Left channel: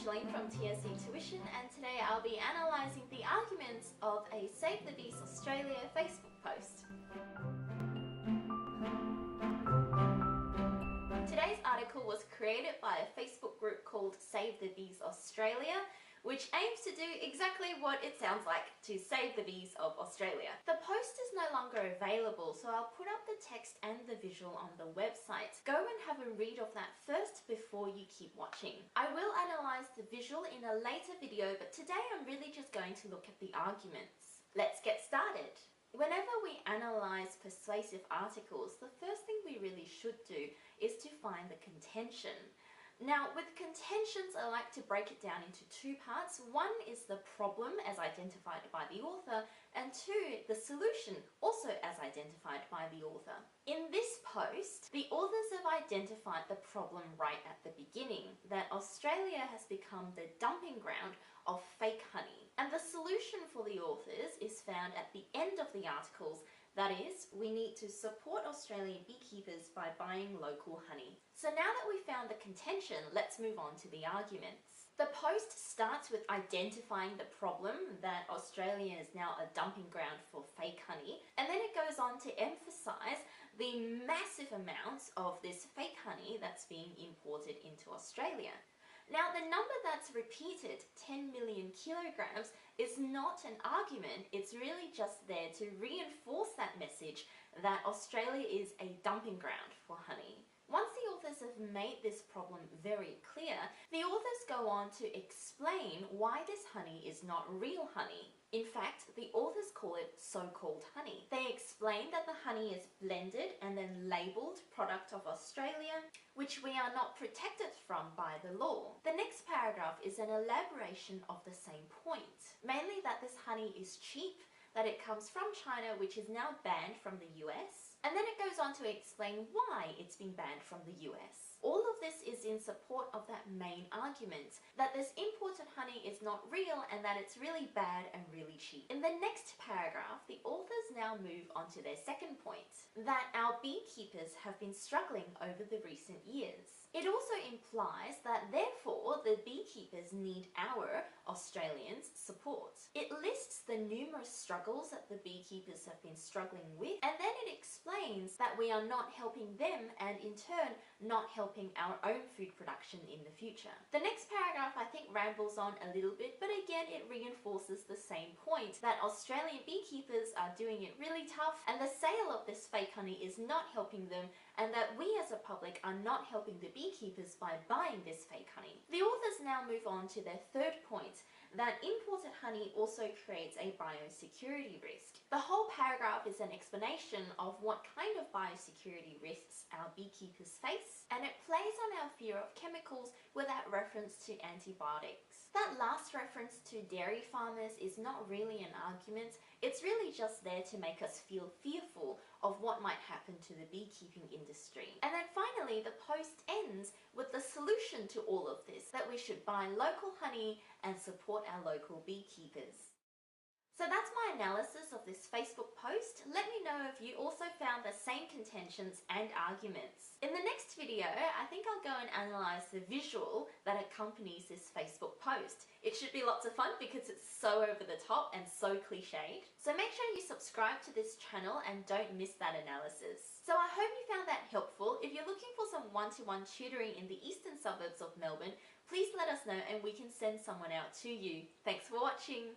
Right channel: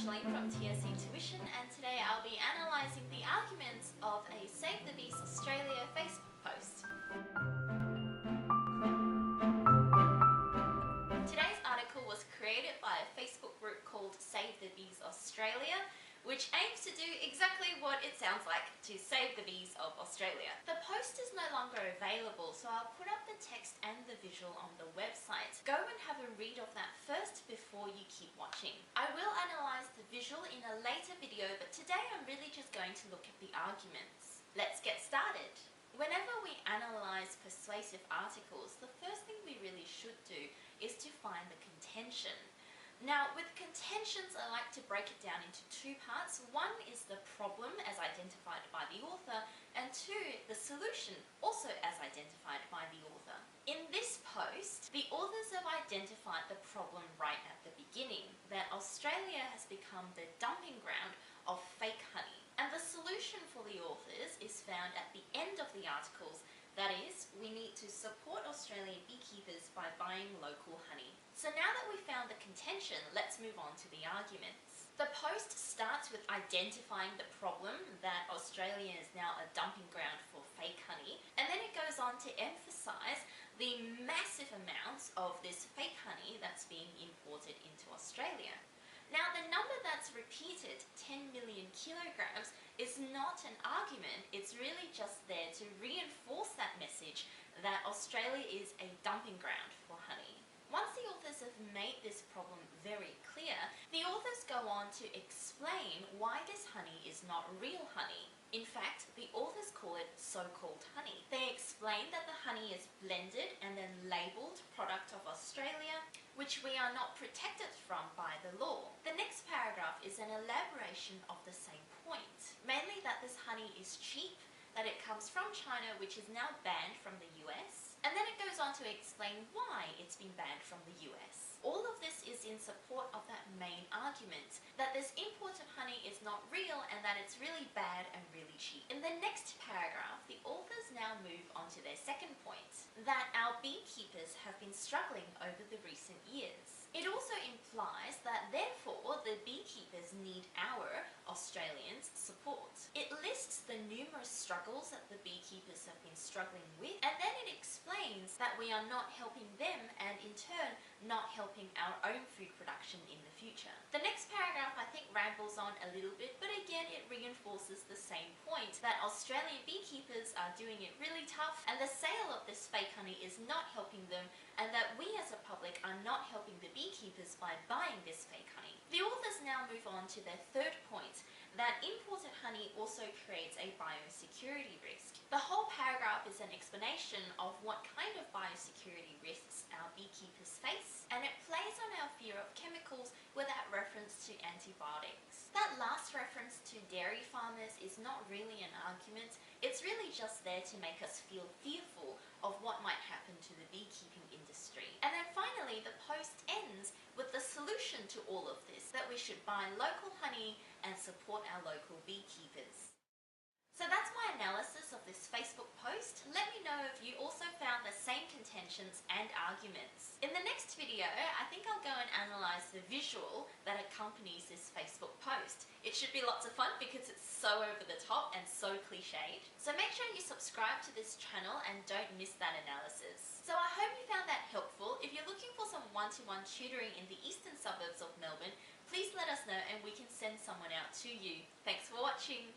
Micheline from TSC Tuition, and today I'll be analysing the arguments of a Save the Bees Australia Facebook post. Today's article was created by a Facebook group called Save the Bees Australia, which aims to do exactly what it sounds like, to save the bees of Australia. The post is no longer available, so I'll put up the text and the visual on the website. Go and have a read of that first before you keep watching. I will analyse the visual in a later video, but today I'm really just going to look at the arguments. Let's get started. Whenever we analyse persuasive articles, the first thing we really should do is to find the contention. Now, with contentions, I like to break it down into two parts. One is the problem as identified by the author, and two, the solution, also as identified by the author. In this post, the authors have identified the problem right at the beginning, that Australia has become the dumping ground of fake honey. And the solution for the authors is found at the end of the articles. That is, we need to support Australian beekeepers by buying local honey. So now that we've found the contention, let's move on to the arguments. The post starts with identifying the problem, that Australia is now a dumping ground for fake honey, and then it goes on to emphasise the massive amounts of this fake honey that's being imported into Australia. Now, the number that's repeated, 10 million kilograms, is not an argument. It's really just there to reinforce that message that Australia is a dumping ground for honey. Once the authors have made this problem very clear, the authors go on to explain why this honey is not real honey. In fact, the authors call it so-called honey. They explain that the honey is blended and then labelled product of Australia, which we are not protected from by the law. The next paragraph is an elaboration of the same point, mainly that this honey is cheap, that it comes from China, which is now banned from the US, and then it goes on to explain why it's been banned from the US. All of this is in support of that main argument, that this imported honey is not real and that it's really bad and really cheap. In the next paragraph, the authors now move on to their second point, that our beekeepers have been struggling over the recent years. It also implies that therefore the beekeepers need our, Australians, support. It lists the numerous struggles that the beekeepers have been struggling with, and then it explains that we are not helping them and in turn not helping our own food production in the future. The next paragraph I think rambles on a little bit, but again it reinforces the same point, that Australian beekeepers are doing it really tough and the sale of this fake honey is not helping them, and that we as a public are not helping the beekeepers by buying this fake honey. The authors now move on to their third point, that imported honey also creates a biosecurity risk. The whole paragraph is an explanation of what kind of biosecurity risks our beekeepers face, and it plays on our fear of chemicals without reference to antibiotics. That last reference to dairy farmers is not really an argument, it's really just there to make us feel fearful of what might happen to the beekeeping industry. And then finally, the post ends with the solution to all of this, that we should buy local honey and support our local beekeepers. So that's my analysis of this Facebook post. Let me know if you also found the same contentions and arguments. In the next video, I think I'll go and analyse the visual that accompanies this Facebook post. It should be lots of fun because it's so over the top and so cliched. So make sure you subscribe to this channel and don't miss that analysis. So I hope you found that helpful. If you're looking for some one-to-one tutoring in the eastern suburbs of Melbourne, please let us know and we can send someone out to you. Thanks for watching.